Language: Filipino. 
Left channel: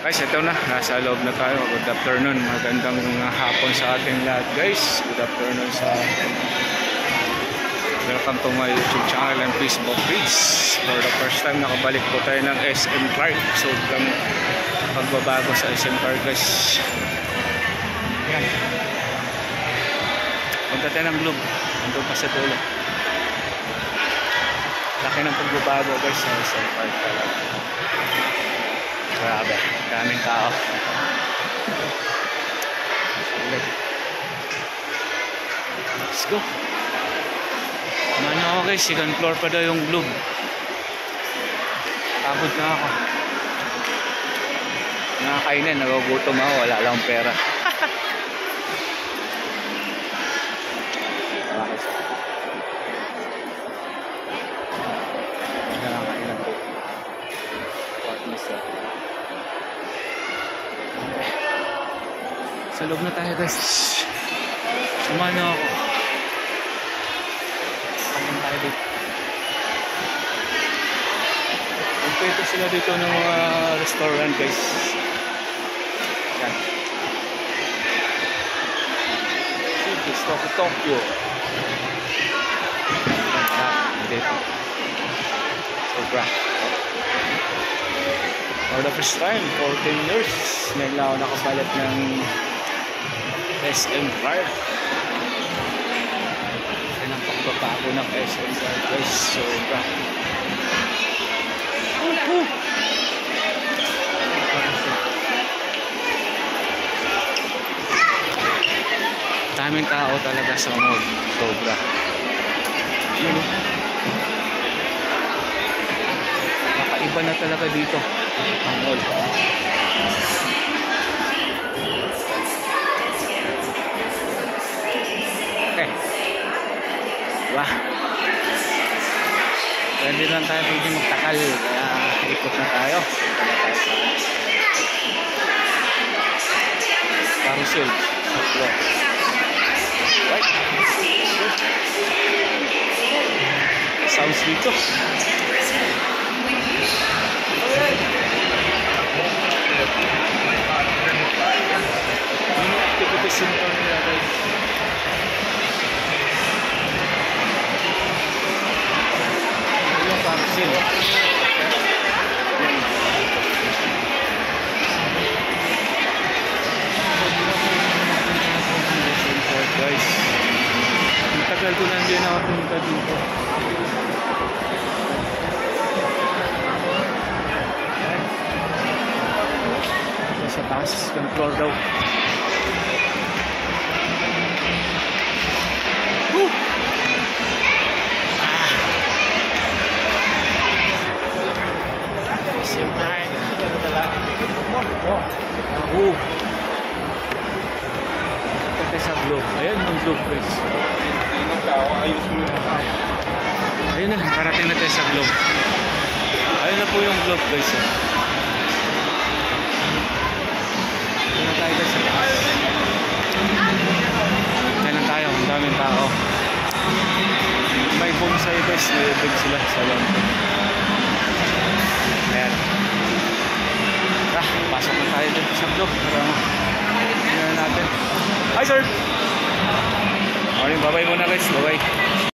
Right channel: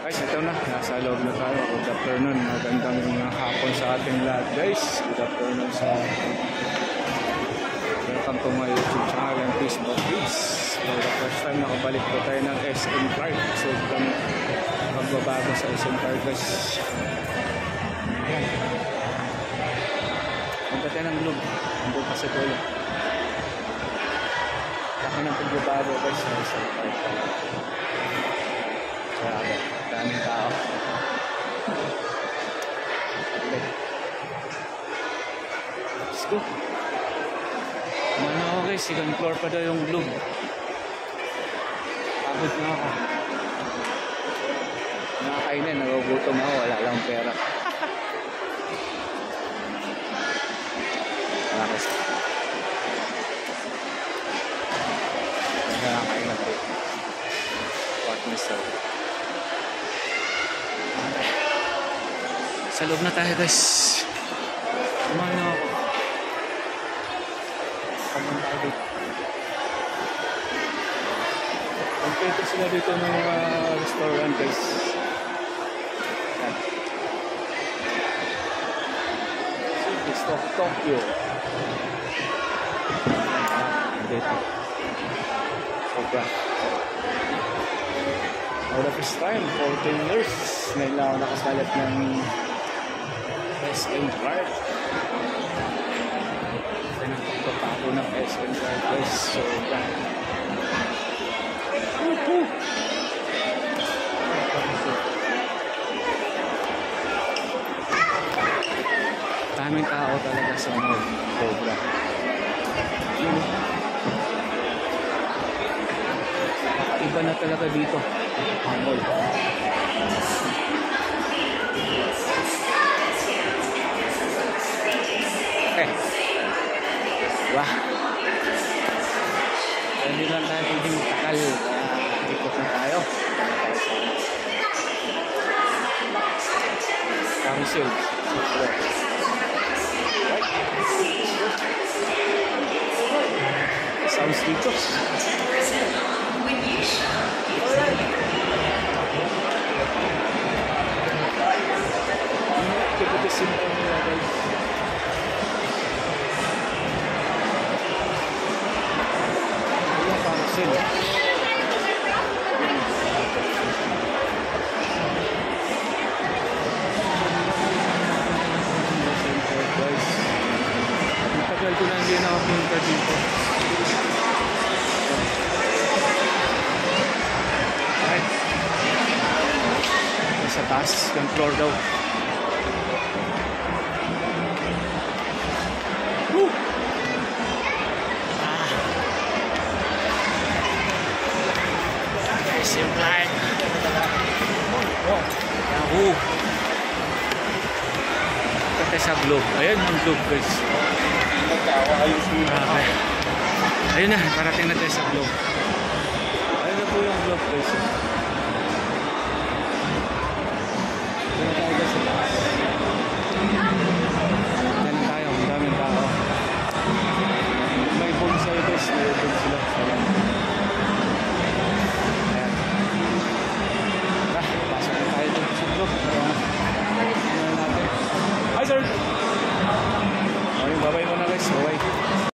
Guys, ito na. Nasa loob na tayo. Good afternoon. Magandang hapon sa ating lahat, guys. Good afternoon sa welcome to my YouTube channel and Facebook page. For the first time, nakabalik po tayo ng SM Clark. So, magbabago sa SM Clark, guys. Yan. Punta tayo ng Globe. Nandun pa sa dulo. Laki ng pagbabago, guys, sa SM Clark talaga. Grabe, daming tao. Let's go. Kumano ako, guys, second floor pa daw yung Globe. Pagod na ako. Nakakainan, nagugutom ako, wala lang pera. Nakakainan dito. Partners ako. Sa loob na tayo, guys. Kumano ako. Kamun tayo dito. Kompleto sila dito ng mga restaurant, guys. Yan. City of Tokyo. Yan. Dito. Sobra. For the first time, 14 years, ngayon lang ako nakapalit ng SM Clark. Kasi nang pagbabago ng SM Clark, guys. Sobra. Daming tao talaga sa mall. Sobra. Yun, kakaiba na talaga dito ang mall. Okay. Diba? Kaya hindi lang tayo pwede magtakal. Kaya ikot na tayo. Kaya tayo sa carousel. Right. Sounds dito. Tipisin ko nila, guys. Ito yung carousel. Guys, ang tagal ko na hindi nakapunta dito. Sa taas, yung floor daw. Simple. Oh. Pati sa Globe. Ayan ang Globe, guys. Ayun na, parating na tayo sa Globe. Ayun na po yung Globe, guys. Ito na tayo, guys, sa taas. Diyan lang tayo, ang daming tao. May bonsai, guys. May bonsai sila sa lang. Ayan. Pasok na tayo dito sa Globe. Tingnan natin. Hi, sir! Morning, bye-bye muna, guys. Bye-bye.